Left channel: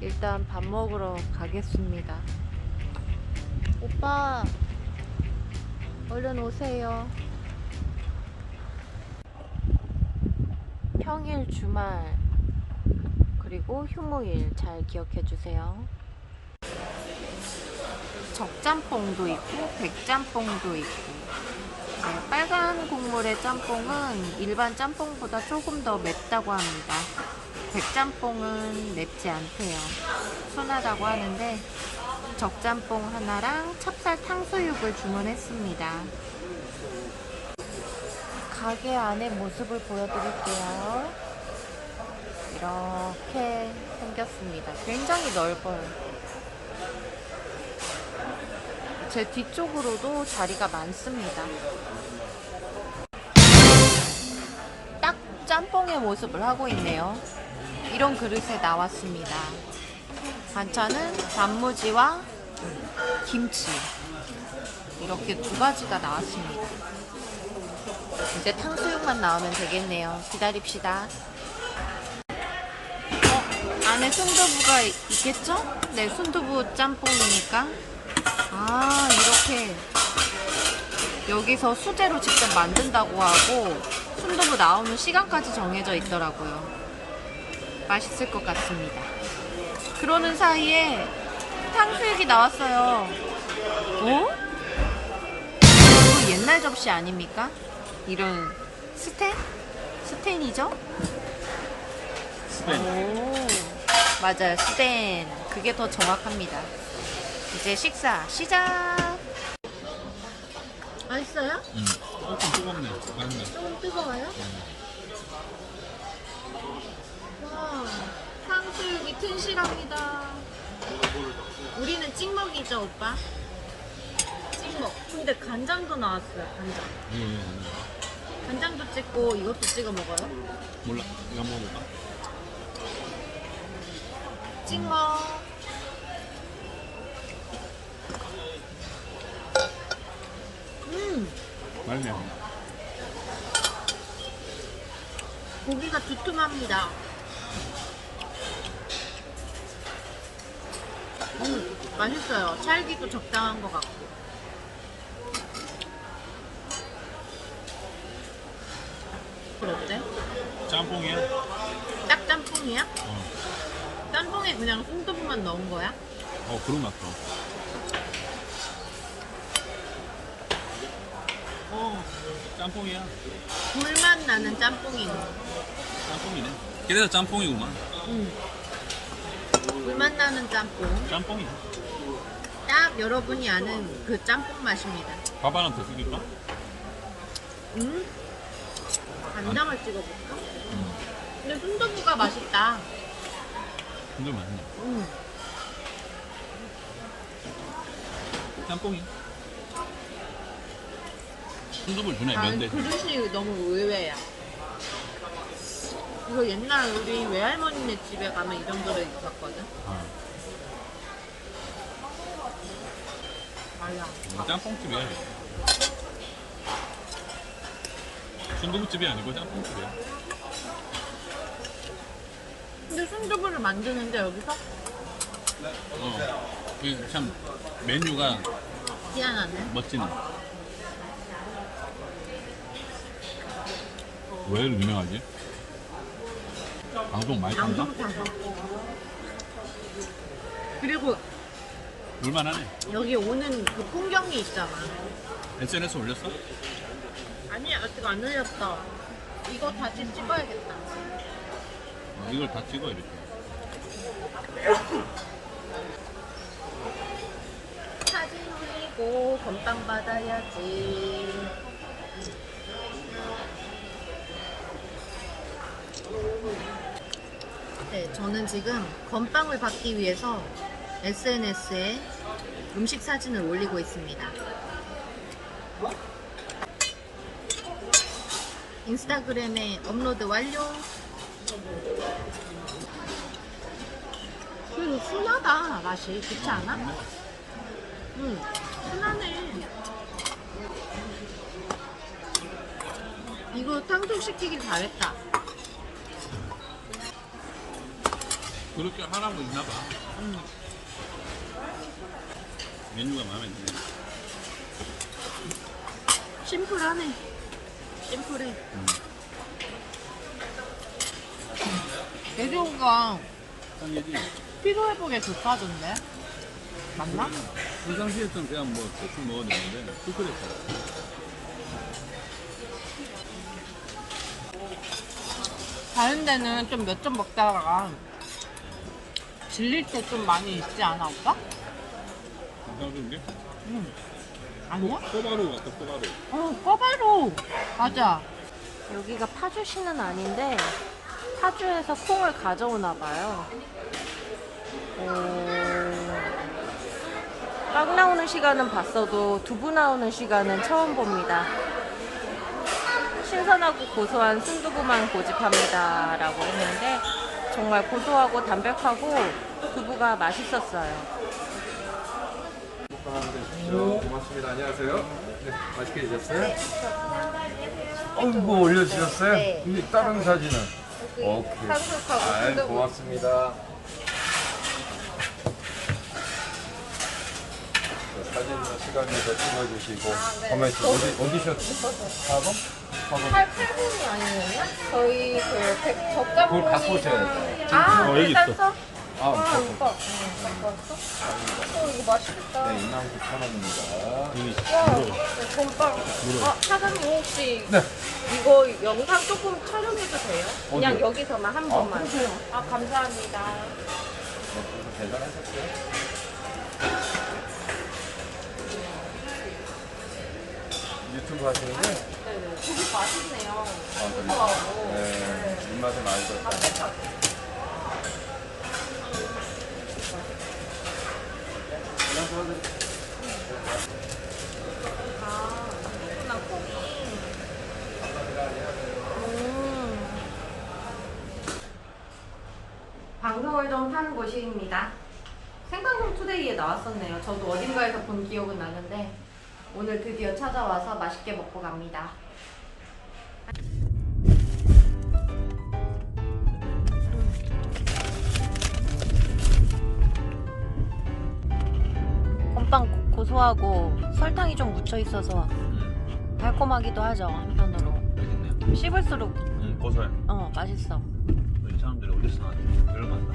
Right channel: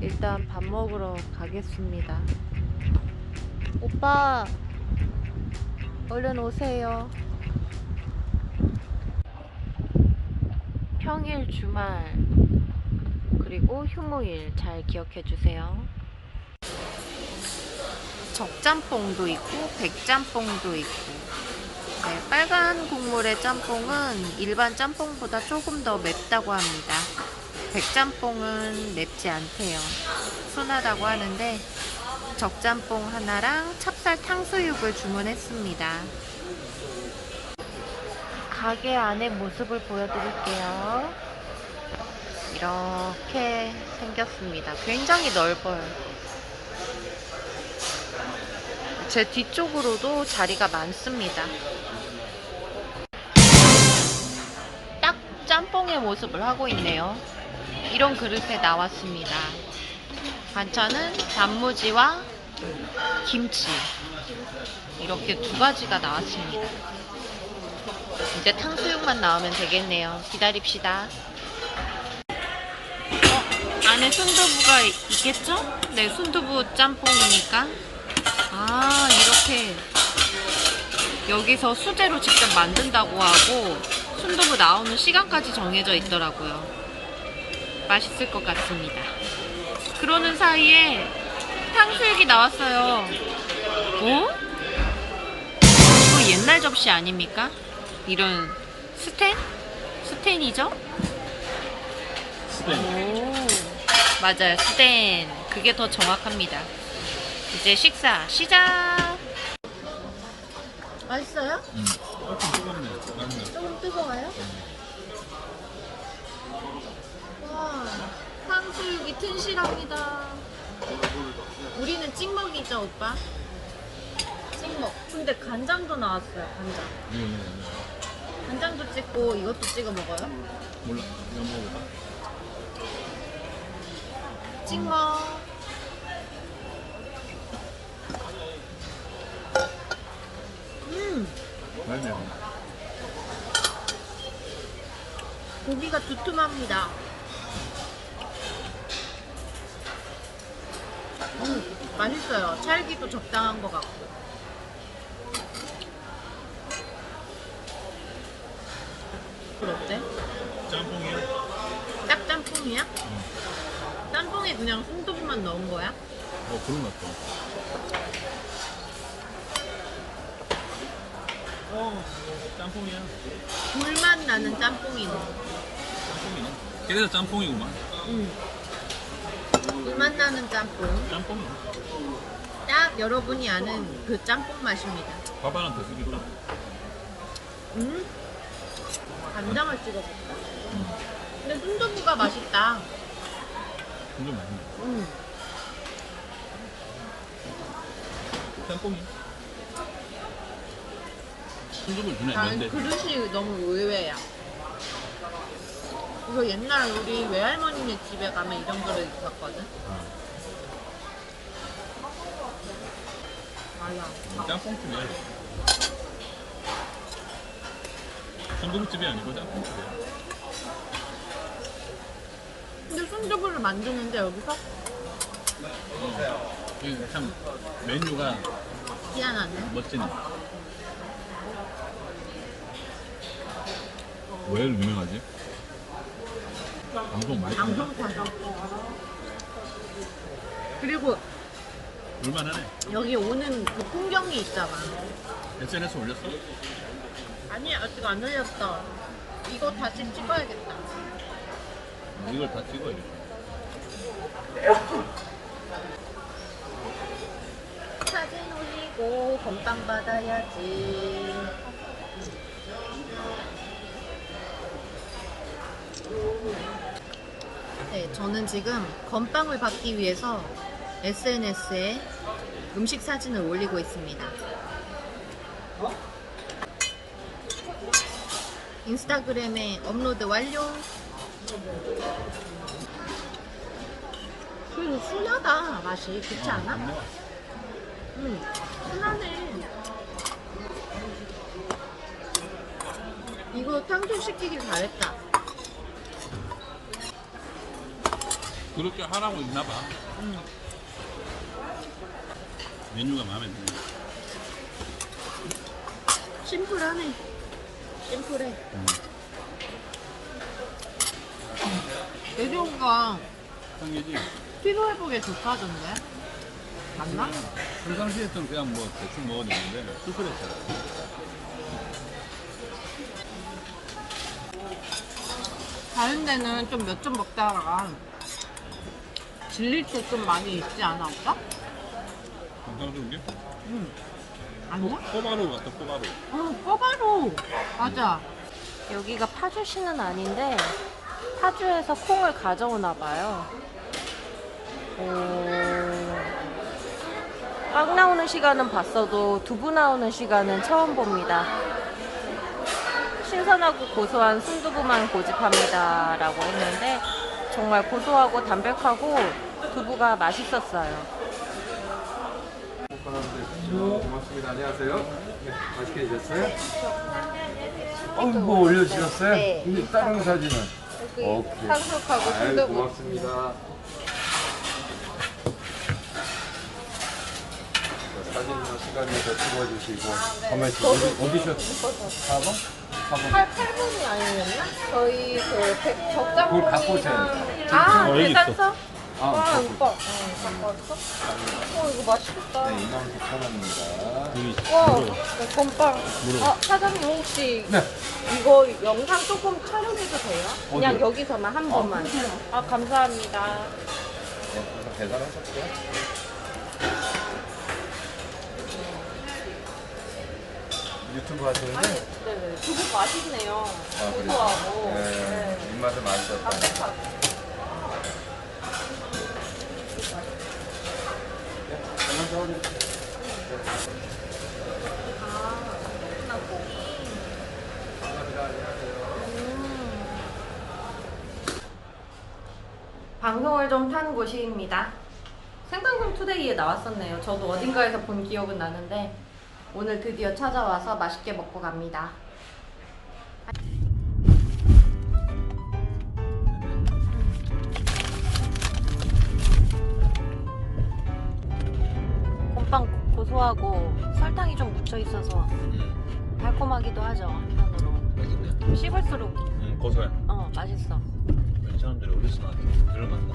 일단 밥 먹으러 가겠습니다. 오빠, 얼른 오세요. 평일 주말 그리고 휴무일 잘 기억해 주세요. 적짬뽕도 있고 백짬뽕도 있고 네, 빨간 국물의 짬뽕은 일반 짬뽕보다 조금 더 맵다고 합니다. 백짬뽕은 맵지 않대요. 순하다고 하는데 적짬뽕 하나랑 찹쌀 탕수육을 주문했습니다. 가게 안의 모습을 보여드릴게요. 이렇게 생겼습니다. 굉장히 넓어요. 제 뒤쪽으로도 자리가 많습니다. 딱 짬뽕의 모습을 하고 있네요. 이런 그릇에 나왔습니다. 반찬은 단무지와 김치. 이렇게 두 가지가 나왔습니다. 이제 탕수육만 나오면 되겠네요. 기다립시다. 어, 안에 순두부가 있겠죠? 네, 순두부 짬뽕이니까. 아, 이렇게 여기서 수제로 직접 만든다고 하고 순두부 나오는 시간까지 정해져 있더라고요. 맛있을 것 같습니다. 그러는 사이에 탕수육이 나왔어요. 어? 이거 옛날 접시 아닙니까? 이런 스텐? 스텐이죠? 오, 맞아요. 스텐. 그게 더 정확합니다. 이제 식사 시작! 맛있어요? 응. 조금 뜨겁네. 맞네. 조금 뜨거워요? 와, 탕수육이 튼실합니다. 우리는 찍먹이죠, 오빠? 찍먹. 근데 간장도 나왔어요, 간장. 응. 간장도 찍고 이것도 찍어 먹어요? 몰라. 이거 먹어봐. 찍먹. 음. 고기가 두툼합니다. 맛있어요. 찰기도 적당한 것 같고. 어때? 짬뽕이야? 딱 짬뽕이야? 짬뽕에 그냥 순두부만 넣은 거야? 어, 그런 맛도. 어. 짬뽕이야. 불맛 나는 짬뽕이네. 짬뽕이네. 그래서 짬뽕이구나. 응. 불맛 나는 짬뽕. 짬뽕이야. 딱 여러분이 아는 그 짬뽕 맛입니다. 밥 하나 더 쓰겠다. 음? 간장을 찍어볼까? 근데 순두부가 맛있다. 근데 맛있네. 음. 짬뽕이. 순두부를 주네, 아니, 면대. 그릇이 너무 의외야. 이거 옛날 우리 외할머니네 집에 가면 이런 그릇 있었거든. 아, 맞아. 짬뽕집이야. 순두부집이 아니고 짬뽕집이야. 근데 순두부를 만드는데 여기서 어. 이게 참 메뉴가 희한하네. 멋지네. 왜 유명하지? 방송 많이? 방송 타서. 그리고 올만하네. 여기 오는 그 풍경이 있잖아. SNS 올렸어? 아니 아직 안 올렸어. 이거 다시 찍어야겠다. 어, 이걸 다 찍어야 돼. 사진 올리고 건빵 받아야지. 저는 지금 건빵을 받기 위해서 SNS에 음식 사진을 올리고 있습니다. 인스타그램에 업로드 완료. 그리고 순하다 맛이 그렇지 않아? 응, 순하네. 이거 탕수시키긴 잘했다. 그렇게 하라고 있나 봐. 응. 메뉴가 마음에 드네. 심플하네. 심플해. 음. 돼지고기가 형이지 피로 회복에 좋다던데? 맞나? 평상시에는 그냥 뭐 대충 먹어도 되는데 쑥스럽다. 다른 데는 좀 몇 점 먹다가 질릴 때좀 많이 있지 않아, 오빠? 평상시인 게 응. 아니야? 꼬바로 같다 꼬바로. 어, 꼬바로. 맞아. 여기가 파주시는 아닌데 파주에서 콩을 가져오나 봐요. 오... 빵 나오는 시간은 봤어도 두부 나오는 시간은 처음 봅니다. 신선하고 고소한 순두부만 고집합니다. 라고 했는데 정말 고소하고 담백하고 두부가 맛있었어요. 고맙습니다. 안녕하세요. 네, 맛있게 드셨어요? 어이구 올려주셨어요? 네. 이 다른 사진은? 오케이. 상속하고 아이 고맙습니다. 저 사진 시간 내서 찍어주시고. 가만히 있어. 어디 어디서? 4번? 4번. 8분이 아니었나? 저희 그 백, 젓가락 그걸 갖고 오세요. 아, 어, 여기 있어. 아, 오빠, 갖고. 어, 갖고 왔어? 어, 이거 맛있겠다. 네, 29,000원입니다. 여기 와, 물어. 건빵. 물어. 아, 사장님 혹시 네. 이거 영상 조금 촬영해도 돼요? 그냥 어디요? 여기서만 한 번만. 아, 감사합니다. 네, 대단하셨죠? 유튜브 하시는데? 네네. 두부 맛있네요. 아, 그래요? 네, 입맛에 맞으셨다. 방송을 좀 탄 곳입니다. 생방송 투데이에 나왔었네요. 저도 어딘가에서 본 기억은 나는데 오늘 드디어 찾아와서 맛있게 먹고 갑니다. 고- 고소하고 설탕이 좀 묻혀 있어서 달콤하기도 하죠 한편으로 맛있네. 씹을수록 응 고소해. 어 맛있어 이 사람들이 어디서 나한테 들어간다.